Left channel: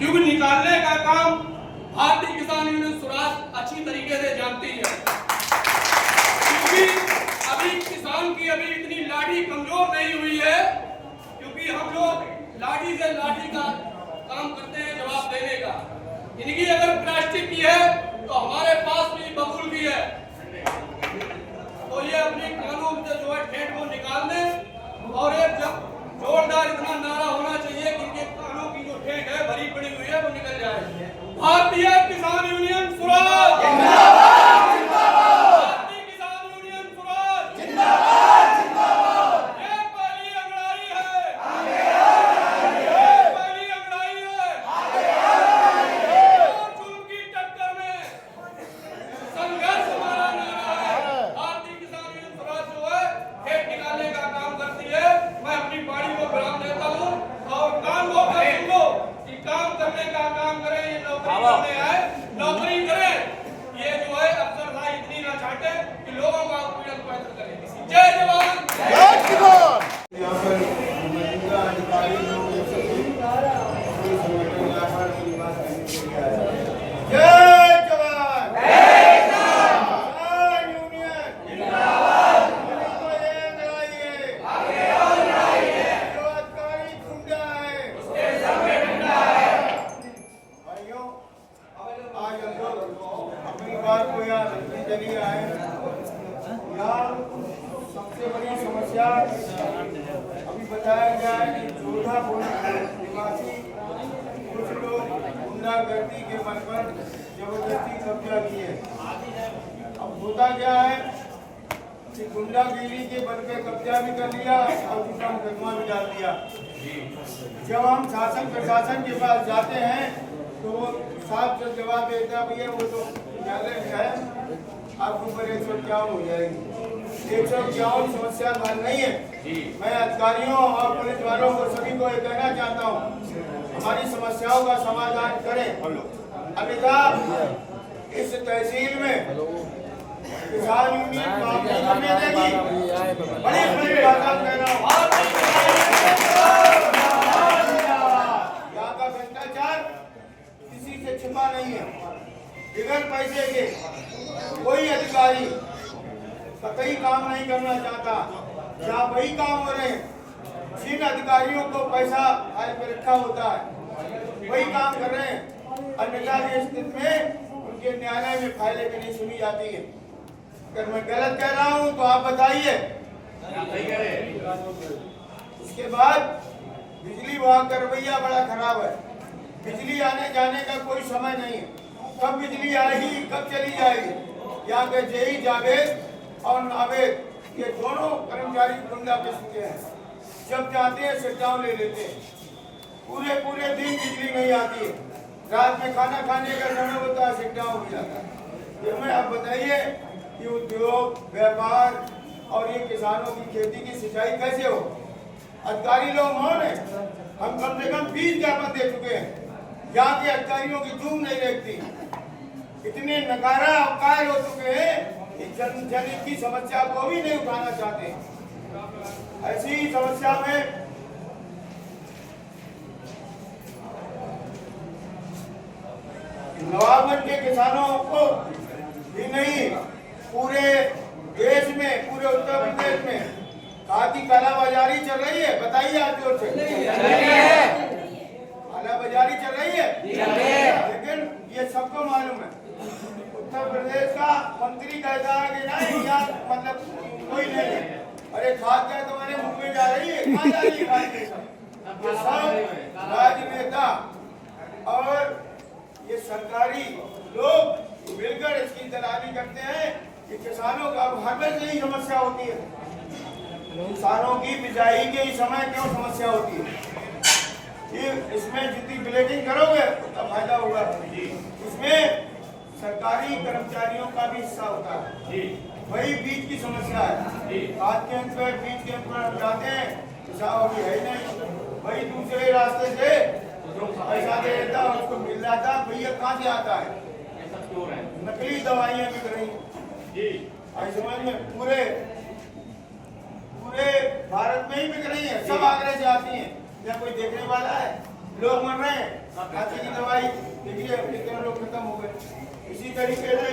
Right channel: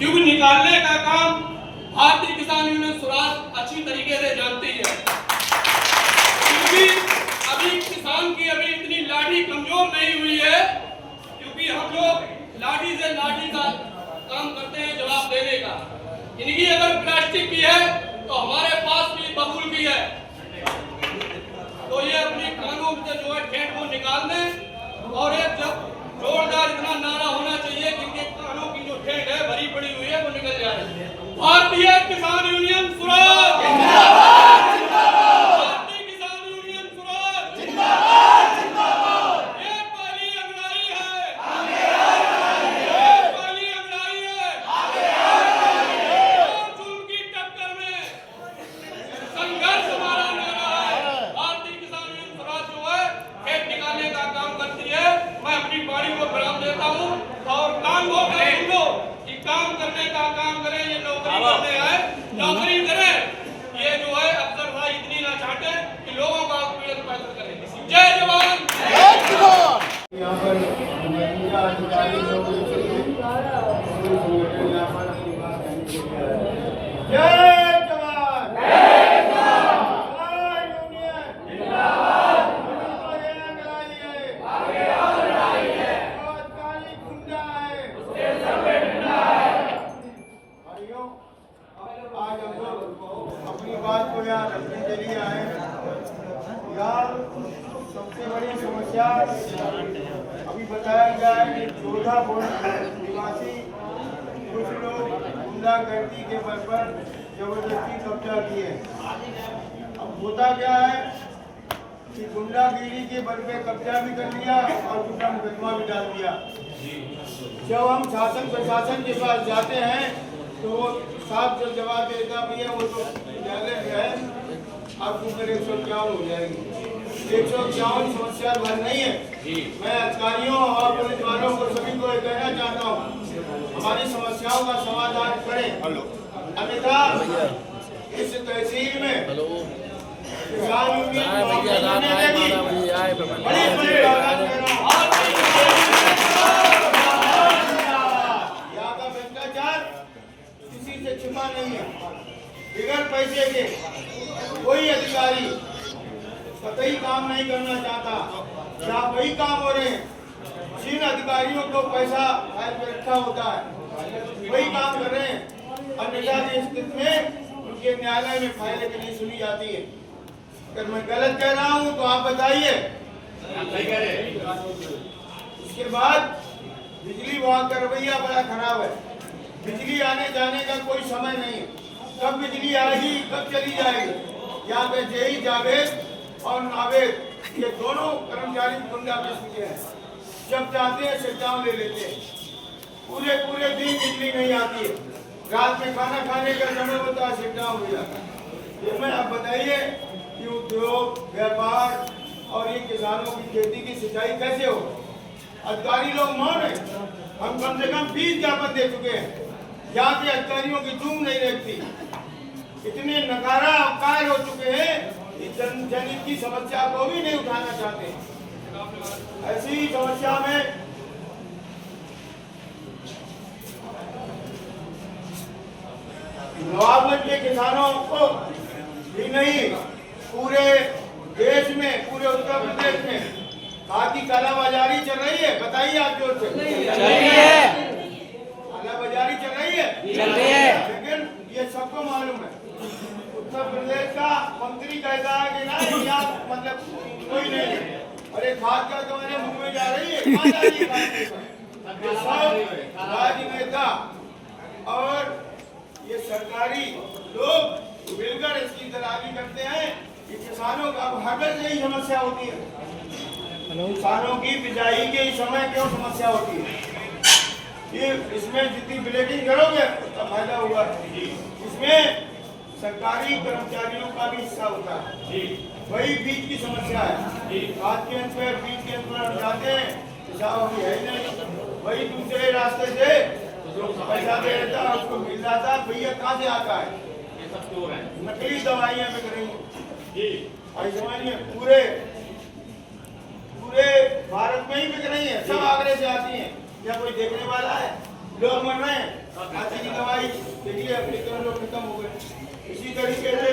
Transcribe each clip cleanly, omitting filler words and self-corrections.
क्योंकि निकालने का काम भारतीय किसान यूनियन स्वराज अच्छी तरीके से जानती है। क्योंकि अभी किसान की अभी इतनी लाठी कमजोर नहीं हुई है, क्योंकि हम लोग लाठी से लाठी का काम करते हैं जवाब देने का। इनकी अगर प्लास्टिक की है तो हमारे पास भी बबूल की है, तो ये अपनी कानून से जो है ठेठ को निकाल दें और एक जोरदार इतना नारा होना चाहिए कि इनके कानों की जो ठेठ है भरी पड़ी हुई है वो निकल जाए। भारतीय किसान यूनियन स्वराज जिंदाबाद, भारतीय किसान यूनियन स्वराज जिंदाबाद, जिंदाबाद। ये पहली अंगड़ाई है, ये पहली अंगड़ाई है, चुन की टक्कर में संघर्ष हमारा नारा है। भारतीय किसान यूनियन स्वराज जो है खेत निकालने का काम करती है। मैं अपनी पार्टी को विराम देता हूँ और काम होगा लो कि काम करने का काम करें, ये नौकरी करते हैं, नौकरी करें। ये जो है अफसर भाई इतनी ना चाहते कि लोगों का उत्पीड़न बंद करें। जय जवान जय किसान। यहाँ पर मौजूदा अधिकारी लोग संगठन यहाँ पर निवास करने के लिए आए हैं। जय जवान जय किसान यूनियन जिंदाबाद। आगे और रहिए, जो अधिकारी गुंडा है उसके संग गुंडा है। भाइयों, आज हम लोग अपनी बात को यहाँ रखने के लिए आए हैं। यहाँ सबसे बड़ी समस्या अभी बताया गया है कि जोधापुर निवासी कुछ लोग गुंडागर्दी के बल पर जबरदस्ती कब्जा किए। अब होता क्या है कि गुंडागिरी के बल पे कब्जा भी कर लिया और दूसरा मुकदमा भी डाल दिया। जब हम शासन प्रशासन के पास जाते हैं तो वो साफ से जवाब देता भी है वो तो न्यायालय है, आपके ऊपर 151 हो जाएगी। 151 समस्या हल नहीं है। मैं अधिकारियों और पुलिस वालों को सभी को ये कहना चाहता हूँ, हमारी समस्याओं का समाधान करें, अन्यथा इस तहसील में किसान यूनियन मामले करने लगी। बड़ी बात कह रहा हूँ, यहाँ का भ्रष्टाचार किसी से छिपा नहीं है। बिगड़ पैसे के कोई अधिकारी कतई काम नहीं करना चाहता। यहाँ वही काम हो रहे हैं जिन अधिकारियों को पैसा फाइल पे रखा होता है, वही काम कर रहे हैं। अन्यथा की स्थिति में उनके न्यायालय में फाइलें नहीं सुनी जाती है। अगर मैं गलत कह रहा हूँ तो आप बताइए। उसके बाद बिजली विभाग का रवैया बड़ा खराब है। बिजली आने जाने का कोई समय नहीं है, कब बिजली आएगी कब चली जाएगी। यहाँ पे जेई जावेद और नावेद ये दोनों कर्मचारी गुंडा किस्म के हैं। जब जाते हैं शटडाउन ले लेते हैं, पूरे दिन बिजली नहीं आती है। रात में खाना खाने का समय होता है, शटडाउन हो जाता है। ये मैं आप बताइए कि उद्योग व्यापार और ये किसानों की खेती की सिंचाई कैसे हो। अधिकारी लोग मौन है। हम कम से कम 20 ज्ञापन दे चुके हैं। यहाँ के अधिकारियों की धूम नहीं रहती, इतने नकारा अवकार हो चुके हैं, जनहित की समस्या को भी नहीं उठाना चाहते। ऐसी ही समस्या में नवाबगंज के किसानों को ही नहीं, पूरे देश में, पूरे उत्तर प्रदेश में खादी कालाबाजारी चल रही है। बताइए आप जोर से। कालाबाजारी चल रही है, लेकिन ये सबको मालूम है। उत्तर प्रदेश का मंत्री कहता है कि नहीं यहाँ मतलब कोई नहीं है, अरे खाद क्या तुम्हारे मुंह में जा रही है, कहाँ जा रही है? ये सब राजनेता और ये सरकारी लोग मिलकर इसकी दलाली करते हैं कि किसानों का अब हर यही समस्या होती है। किसानों की बिजाई के समय क्यों समस्या होती है? ये इसमें जितनी ब्लेडिंग करोगे उतना फायदा होगा। इसमें सरकारी कर्मचारियों का भी हिस्सा होता है। वही बीच की समस्या है। खाद के अंत में बीच के अंत में हम जाते हैं, किसान है नहीं, वही दूसरे रास्ते से जो पैसा दे देता है उसको मिल जाता है। भैया कहाँ से आता है? नकली दवाइयाँ बिक रही हैं, समझिए पूरे भारत में ही बिक रही है। सब आगरे से आती हैं। या कोई देखने वाला है? लोग मर रहे हैं, खांसी की दवाई देखिए अमेरिका में लोग खत्म हो गए। इसी तरीके से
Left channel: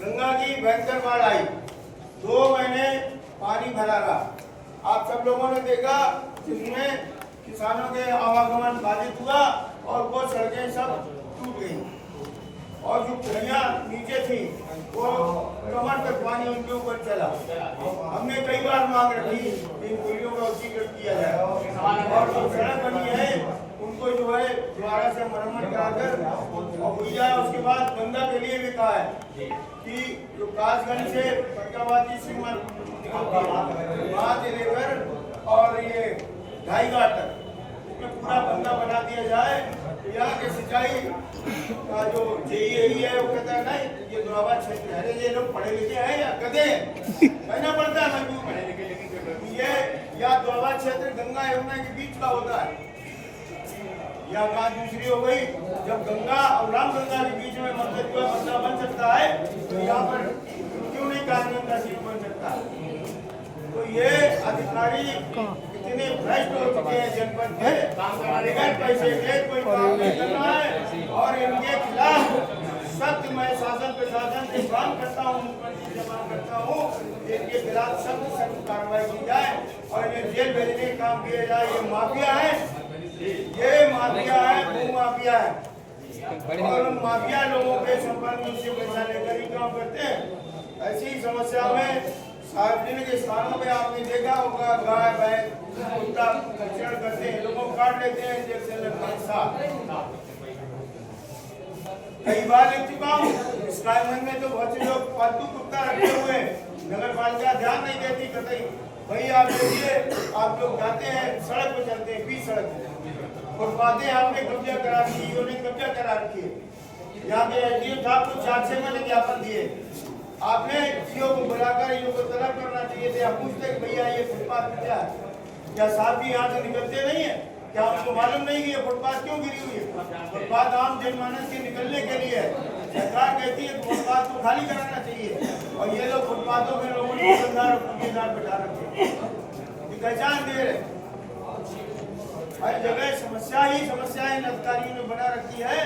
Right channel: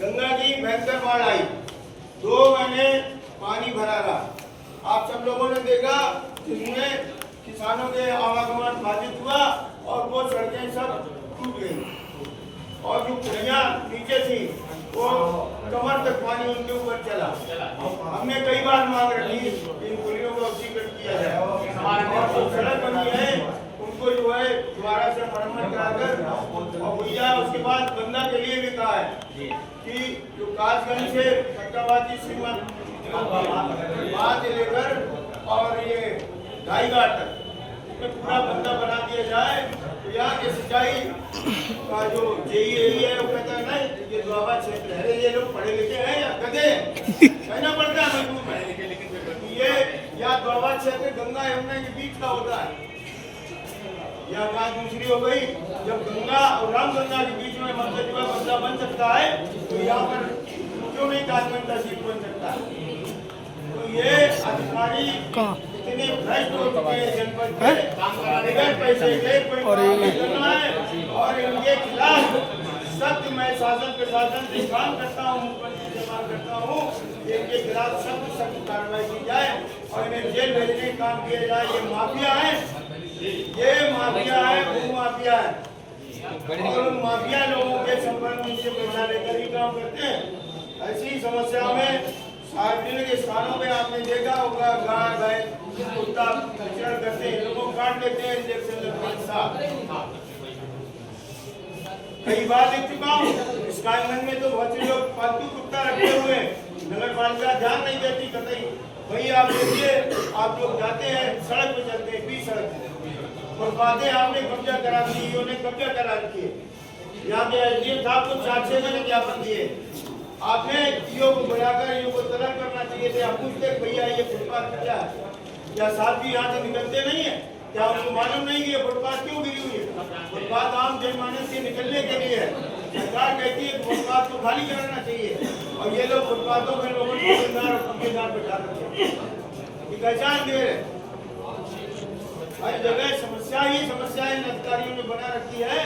गंगा की भयंकर बाढ़ आई, 2 महीने पानी भरा रहा। आप सब लोगों ने देखा, जिसमें किसानों के आवागमन बाधित हुआ और वो सड़कें सब टूट गई और जो पुलियां नीचे थी वो कमर तक पानी उनके ऊपर चला। हमने कई बार मांग रखी इन पुलियों का उच्चीकृत किया जाए और जो सड़क बनी है उनको जो है दोबारा से मरम्मत कराकर और हुई जाए। उसके बाद गंगा के लिए भी कहा है कि जो कासगंज से फरक्काबाद श्रीमंत वहां से लेकर और ये ढाईघाट तक उसमें पूरा बंदा बना दिया जाए। तो यहाँ के सिंचाई का जो जेईई है वो कहता है नहीं ये दुआबा क्षेत्र है, ये लोग पढ़े लिखे हैं या गधे कहना पड़ता है मजबूर है। ये या दुआबा क्षेत्र गंगा यमुना के बीच का होता है। या बात दूसरी हो गई, जब गंगा और रामगंगा के बीच में मकदमा बंदा बन सकता है तो यहाँ पर क्यों नहीं कासगंज तहसील बन सकता है? तो ये अधिकारी इतने भ्रष्ट हो चुके हैं जनपद के, बगैर पैसे के कोई करना है और इनके खिलाफ सख्त मैं शासन प्रशासन से काम करता हूँ, मुख्यमंत्री से मांग करता हूँ इनके खिलाफ सख्त कार्रवाई की जाए और इन्हें जेल भेजने का काम किया जाए। ये माफिया है, ये माफिया है, वो माफिया है और उन माफिया लोगों के संपर्क में से पैसा लेकर ही काम करते हैं। ऐसी समस्या में सार्वजनिक स्थानों पे आपने देखा होगा गाय भैंस कुत्ता कचरा करते हैं, लोगों को काट लेते हैं इंजेक्शन लगने। कई बार देख चुका हूँ स्काईगंज में तो बहुत से लोग पालतू कुत्ता रखे हुए हैं, नगर पालिका ध्यान नहीं देती कतई। भाई आप देखिए, आप लोग जाते हैं सड़क पे चलते हैं, 20 सड़क और बातें आपने कब्जा करा दी, उन्होंने कब्जा करा रखी है। यहाँ के एसडीएम साहब को 4-6 महीने ज्ञापन दिए, आपने ईओ को बुलाकर ईओ को तलब करना चाहिए थे। आप पूछते भैया ये फुटपाथ क्या है, क्या साहब जी यहाँ से निकलते नहीं है, क्या आपको मालूम नहीं कि ये फुटपाथ क्यों गिरी हुई है? फुटपाथ आम जनमानस से निकलने के लिए है। सरकार कहती है फुटपाथ को खाली कराना चाहिए और ये लोग फुटपाथों में लोगों को दुकानदार और ठेकेदार बैठा रखे हैं, पहचान दे रहे। हर जगह समस्या ही समस्या इन अधिकारियों ने बना रखी है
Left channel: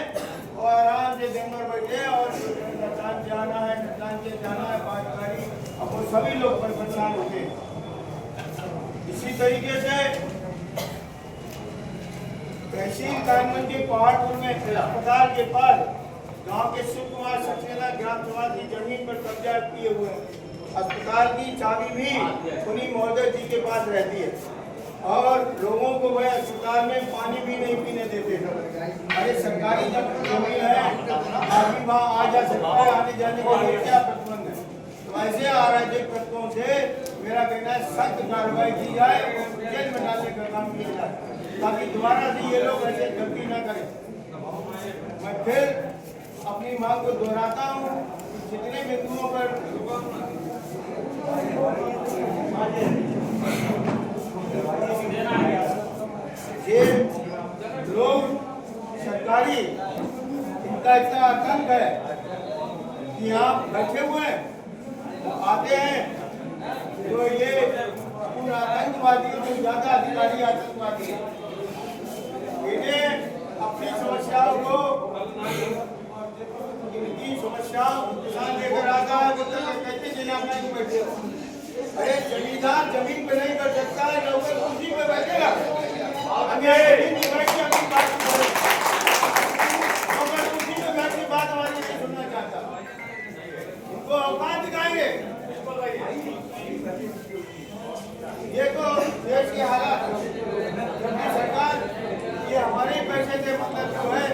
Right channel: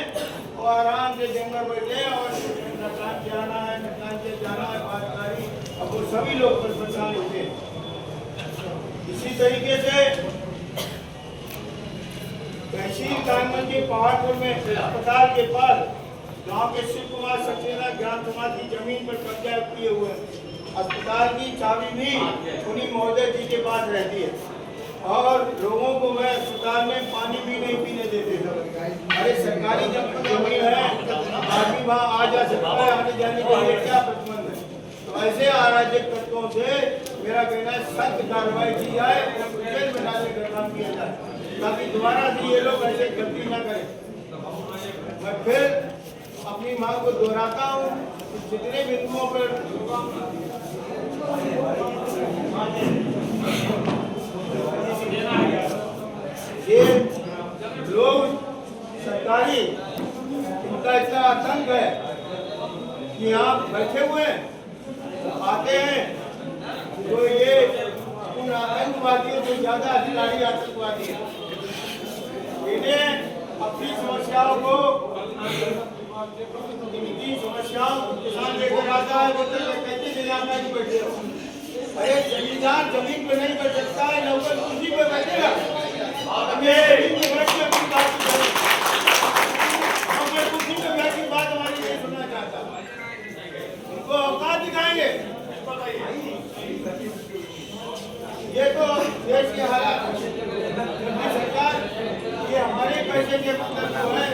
और आराम से दिन भर बैठे और नतलान के आना है, नतलान के जाना है, बातकारी अब वो सभी लोग परेशान होते हैं। इसी तरीके से तहसील कानगंज के पहाड़पुर में अस्पताल के पास गांव के शिव कुमार सक्सेना ग्राम समाज की जमीन पर कब्जा किए हुए हैं। अस्पताल की चाबी भी उन्हीं महोदय जी के पास रहती है और लोगों को वह अस्पताल में पानी भी नहीं पीने देते थे। अरे सरकारी जमीन है, आदमी वहाँ आ जा सकता है, आने जाने के लिए क्या प्रतिबंध है? तो ऐसे अराजक तत्वों से मेरा कहना है सख्त कार्रवाई की जाए, जेल में डालने का काम किया जाए ताकि दोबारा से ये लोग ऐसे गलती न करें। मैं फिर अपनी मांग को दोहराता हूँ, जितने बिंदुओं पर ये लोग सरकारी इनका इतना आतंक है कि यहाँ बैठे हुए आते हैं तो ये उन आतंकवादियों से ज्यादा अधिकारी आतंकवादी है। इन्हें अपनी समस्याओं को इनकी समस्याओं किसान लेकर आता है, वो कहते जिला में बैठे। अरे जमींदार जमीन पे नहीं बैठ सकता है, नौकर कुर्सी पे बैठेगा। अब ये जमीन पे बैठ के अपनी बात करें, नौकर कुर्सी पे बैठ के बात हमारी नहीं सुनना चाहता, उनको औकात दिखाएंगे। ये तो देश के हालात सरकार ये हमारे पैसे के मतलब जो है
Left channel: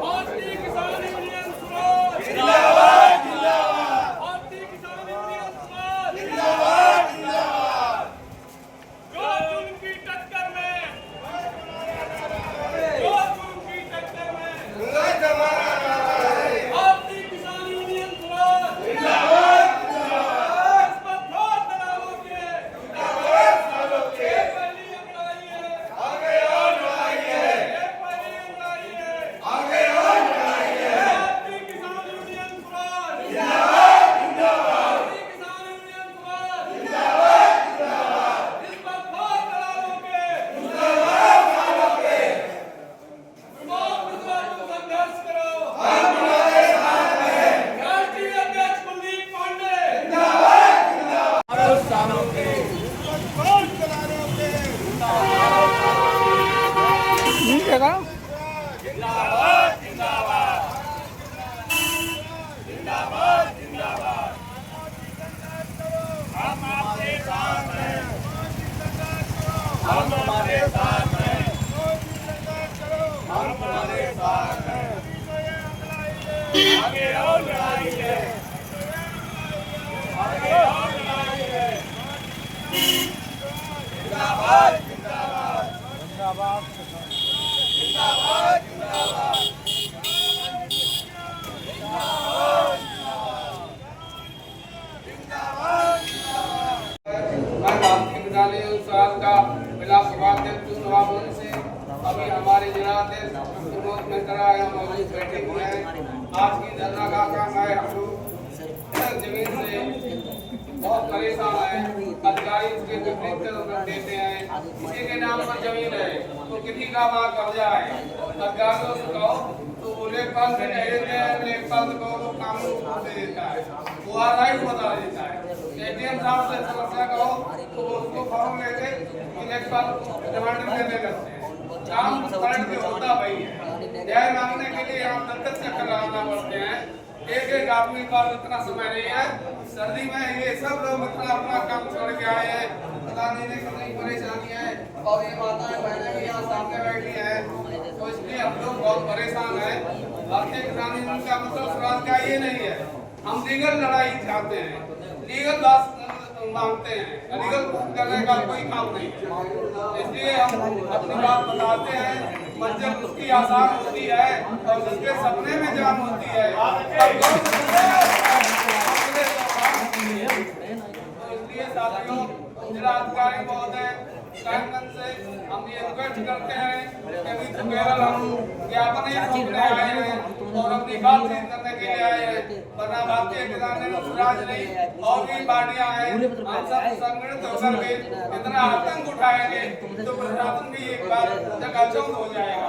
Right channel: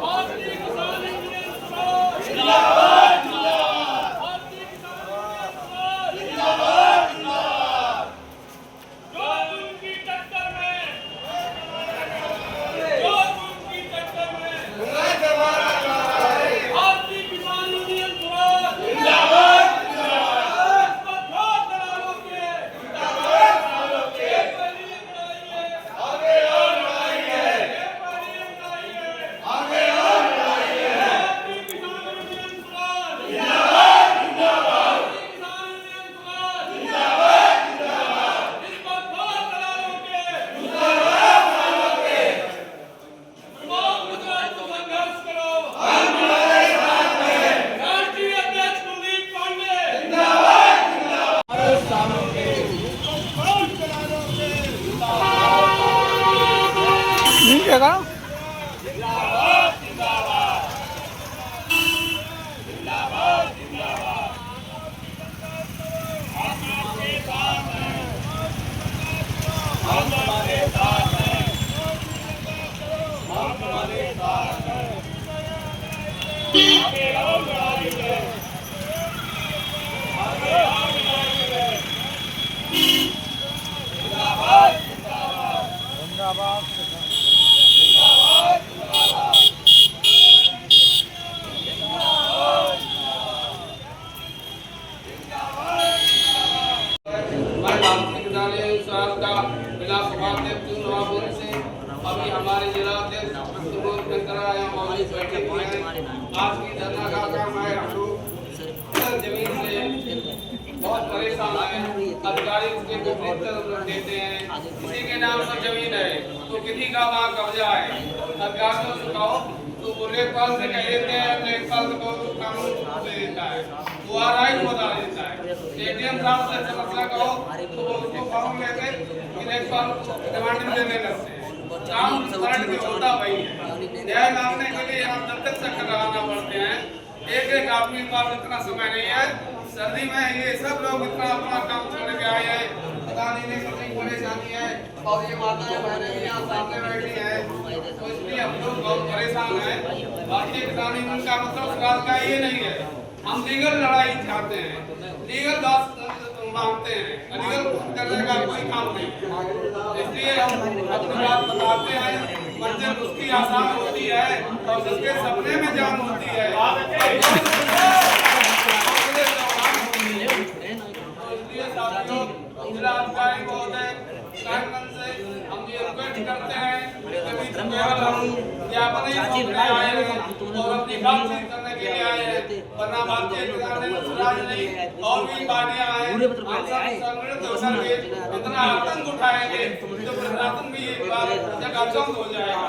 भारतीय किसान यूनियन स्वराज जिंदाबाद जिंदाबाद। भारतीय किसान यूनियन स्वराज जिंदाबाद जिंदाबाद। जो उनकी टक्कर में भारतीय किसान यूनियन स्वराज जिंदाबाद जिंदाबाद। इस पर बहुत दलालों के पहली लड़ाई है, आगे और लड़ाई है। पहली लड़ाई है, आगे और लड़ाई है। भारतीय किसान यूनियन स्वराज जिंदाबाद जिंदाबाद। भारतीय किसान यूनियन स्वराज जिंदाबाद जिंदाबाद। इस पर बहुत दलालों के बहुत गुजरात को संघर्ष करो, हम हमारे साथ हैं। राष्ट्रीय अध्यक्ष कुलदीप पांडे जिंदाबाद जिंदाबाद। सालों के जिंदाबाद जिंदाबाद जिंदाबाद जिंदाबाद। हम आपके साथ हैं, हम हमारे साथ हैं, हम हमारे साथ हैं। आगे और लड़ाई है, आगे और लड़ाई है। जिंदाबाद जिंदाबाद जिंदाबाद जिंदाबाद जिंदाबाद। मैं भारतीय किसान यूनियन स्वराज का जिला सभाध्यक्ष नवाबुद्दीन से अभी हमारे जिला अध्यक्ष विनोद मिश्रा यहाँ मौजूद बैठे हुए हैं। आज की धरना का काम है, हम लोग जमीन से बहुत परेशान हैं। अधिकारी उसके विपरीत देते हैं, किसी के नाम पर जमीन है तो किसी का वहाँ कब्जा है। अधिकारियों से कहो तो वो लेखपाल से कह देते हैं, लेखपाल से कहो तो कानून दे देता है, वो आरआई को बता देता है। एडीएम साहब से समस्या कहो तो वो उसको फॉर्म लेके लेखपाल डिमांड देने लगते हैं। काम पलट के होता वही है। न्याय मांगने के लिए यहाँ दफ्तर चक्कर लगाना पड़ते हैं। एक एक आदमी के पास इतना समय नहीं है। सर्दी में ये सब लोग इतना अपना काम छोड़ के आए हैं, पता नहीं कितनी परेशानी है। और ये माताएं बहनें भी यहाँ सामने बैठी हैं, तो इसलिए हम लोग बहुत परेशान हैं। भारतीय किसान यूनियन का मतलब स्वराज का ये नहीं है। हम लीगल लड़ाई चाहते हैं, लीगल बात मांगते हैं, लीगल करने का कोई काम नहीं। इसलिए हम अपनी बात बताते हैं। मंजिल उसकी आसान होती है और जिसके सपने में जान होती है। इसलिए साथियों, जिला अधिकारी महोदय कायमगंज से हम ये रिक्वेस्ट करते हैं कि अभी तो केवल हम ज्ञापन ही सौंपने आए हैं और अपनी बात करने के लिए आए हैं, वरना भारतीय किसान यूनियन स्वराज नहीं और भी पार्टियां हैं। हम सब संगठित होकर के इतना आतंक उठाएंगे तो प्रशासन भी एक बार जगह हो जाएगा।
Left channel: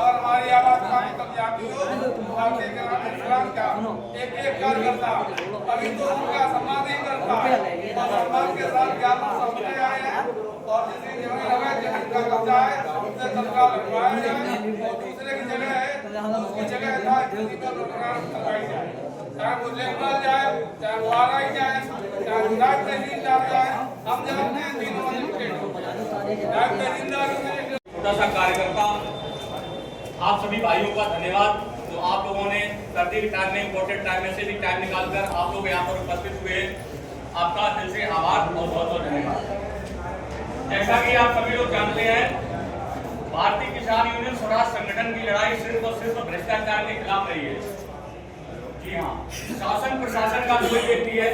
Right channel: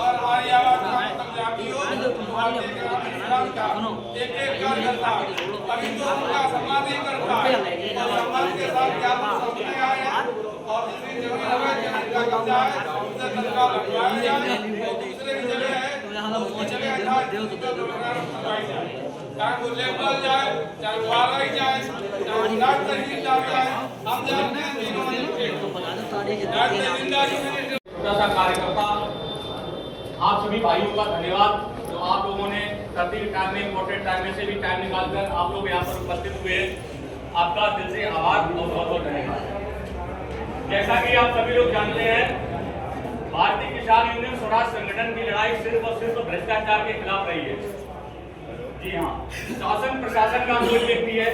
और हमारी आवाज कम जाती हो भारतीय किसान का एक एक कार्यकर्ता अभी तो उनका सम्मान नहीं करता और सम्मान के साथ ज्ञापन सौंपने आए हैं। और जिसकी जमीन है, जमीन का कब्जा है, उससे तत्काल हटवाया जाए और दूसरे की जगह है उसकी जगह करवाई जाए। चाहे वो लेखपाल जाए, चाहे वो आरआई जाए, चाहे वो डाक तहसीलदार जाए, हम जानते हैं तीनों डाक तहसीलदार कार्यकर्ता। आप सभी भाइयों का धन्यवाद जो आप लोगों ने सर्दी के टाइम में इम्पोर्टेंट टाइम में से भी टाइम निकालकर आप लोग यहाँ पर उपस्थित हुए। आपका दिल से आभार और बहुत बहुत धन्यवाद। जैसा कि आप सभी लोग जानते हैं, भारतीय किसान यूनियन स्वराज संगठन की लड़ाई सिर्फ और सिर्फ भ्रष्टाचार के खिलाफ रही है। जी हाँ, शासन प्रशासन का कोई व्यक्ति है,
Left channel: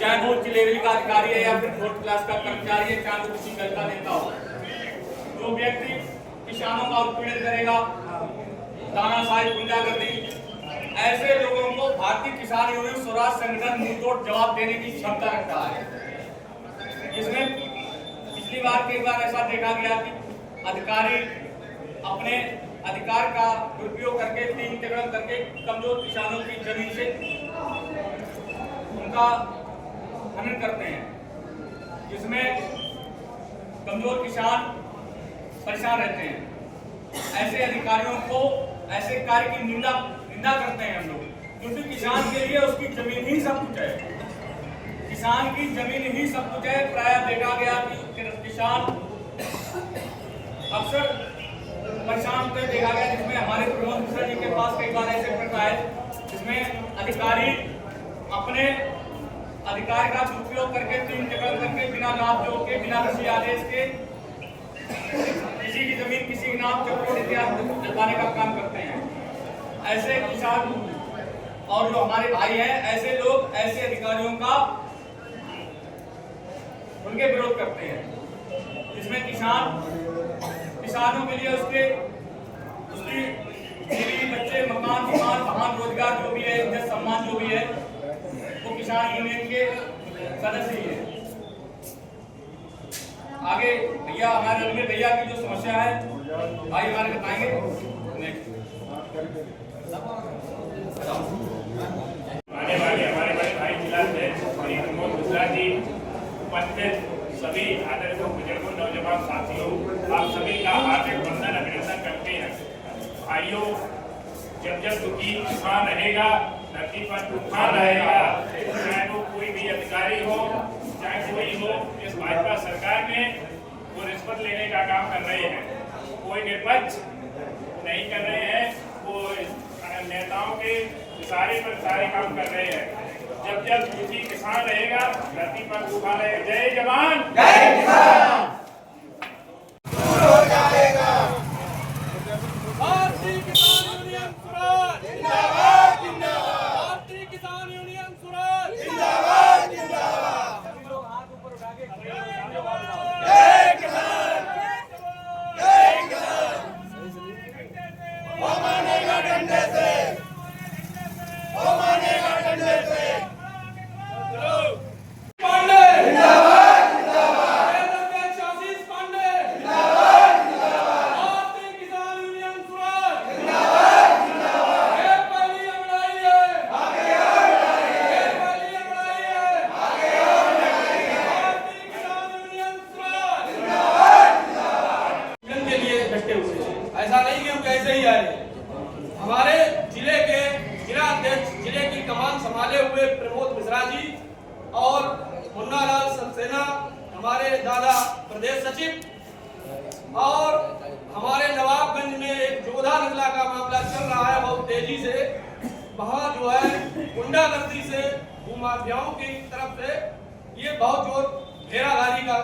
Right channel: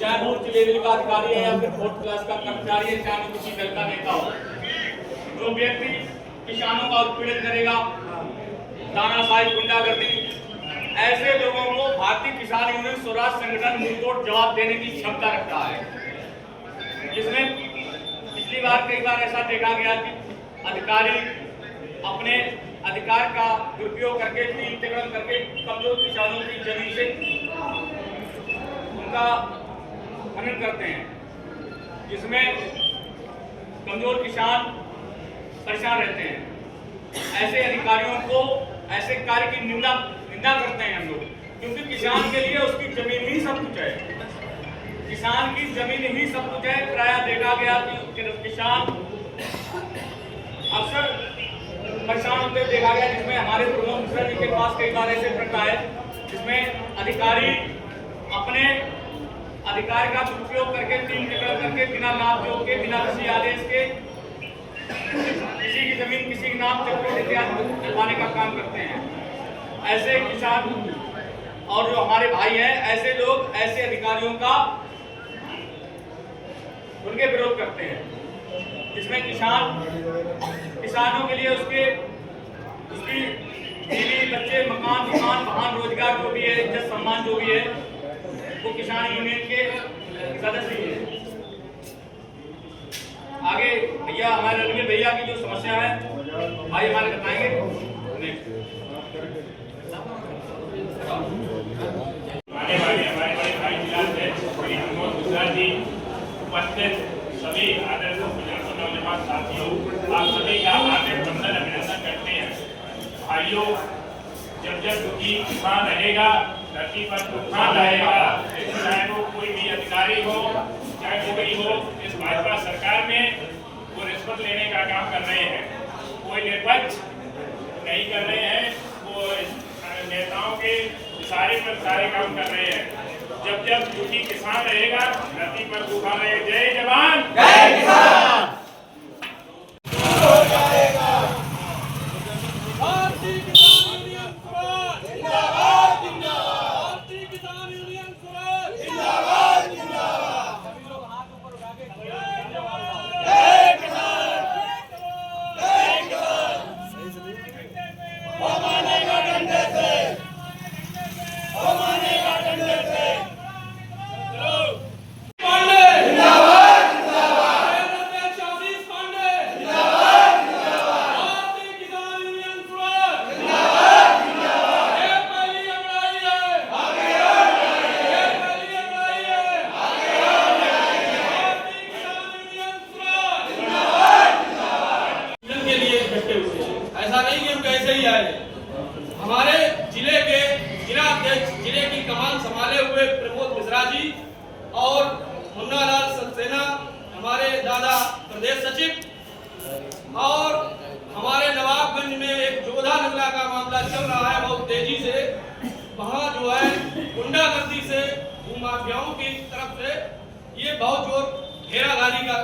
चाहे वो उच्च लेवल का अधिकारी है या फिर फोर्थ क्लास का कर्मचारी है, चाहे वो किसी दल का नेता हो, जो व्यक्ति किसानों का उत्पीड़न करेगा, तानाशाही, गुंडागर्दी, ऐसे लोगों को भारतीय किसान यूनियन स्वराज संगठन मुंहतोड़ जवाब देने की क्षमता रखता है। जिसमें पिछली बार कई बार ऐसा देखा गया कि अधिकारी अपने अधिकार का दुरुपयोग करके, तिरस्कार करके कमजोर किसानों की जमीन से उनका खनन करते हैं, जिसमें कमजोर किसान परेशान रहते हैं। ऐसे अधिकारियों को, ऐसे कार्य की निंदा करते हैं हम लोग, क्योंकि किसान के लिए उसकी जमीन ही सब कुछ है। किसान की जमीन ही सब कुछ है। प्रायः देखा गया कि किसान अक्सर परेशान होते देखा गया, जिसमें हमारे प्रमोद मिश्रा जी के पास कई बार ऐसे प्रश्न आए जिसमें अधिकारी अपने अधिकार का दुरुपयोग करके, करके बिना लाभ योग के, बिना किसी आदेश के किसी की जमीन किसी के नाम दिलवाने का काम करते हैं। ऐसे किसान और जो हमारे भाई हैं, ऐसे लोग ऐसे अधिकारियों का उनके विरोध करते हैं, जिसमें किसानों के लिए उसकी बीवी, बच्चे, मकान, वाहन, रोजगार जो भी है, इज्जत सम्मान जो भी है, वो किसान यूनियन के सदस्य ही है। आगे भैया, हमारे रणवीर भैया की जो समस्या है भाई हमारे बताएंगे। सभी आदरणीय बुजुर्गों, नौजवान साथियों, आप सभी का हार्दिक वंदन, अभिनंदन करते हैं। भाइयों, जब दुखी किसान रहेगा, धरती पर तूफान रहेगा, चाहे वो कोई भी अधिकारी हो, चाहे कोई हो, इस भाजपा सरकार में वो रिश्वत लेने का काम कर रहे हैं। कोई निष्पक्ष नहीं कर रहे हैं, वो नेताओं के इशारे पर सारे काम कर रहे हैं। जब दुखी किसान रहेगा, धरती पर तूफान रहेगा। जय जवान, जय किसान। दूर हो जाएगा। भारतीय किसान यूनियन स्वराज जिंदाबाद, जिंदाबाद। भारतीय किसान यूनियन स्वराज जिंदाबाद, जिंदाबाद। जय किसान, जय किसान। वो मानेगा डंडे से, वो मानेगा डंडे से। पांडे जिंदाबाद, जिंदाबाद। आशीष पांडे जिंदाबाद, जिंदाबाद। भारतीय किसान यूनियन स्वराज जिंदाबाद, जिंदाबाद। ये पहली लड़ाई है, आगे और लड़ाइए, ये पहली लड़ाई है। आगे और लड़ाइए। भारतीय किसान यूनियन स्वराज जिंदाबाद, जिंदाबाद। के लिए इकट्ठे हुए हैं। ऐसा नहीं कि हम कैसे ही आए। हमारे जिले के जिला अध्यक्ष, जिले की कमान संभाले हुए प्रमोद मिश्रा जी और मुन्ना लाल सक्सेना, हमारे दादा प्रदेश सचिव, और हमारे नवाबगंज में एक जोधा नगला का मामला चल रहा है बहुत तेजी से। वहाँ जो है गुंडागर्दी से, भूमाफियाओं की तरफ से ये बहुत जोर घेराधारी का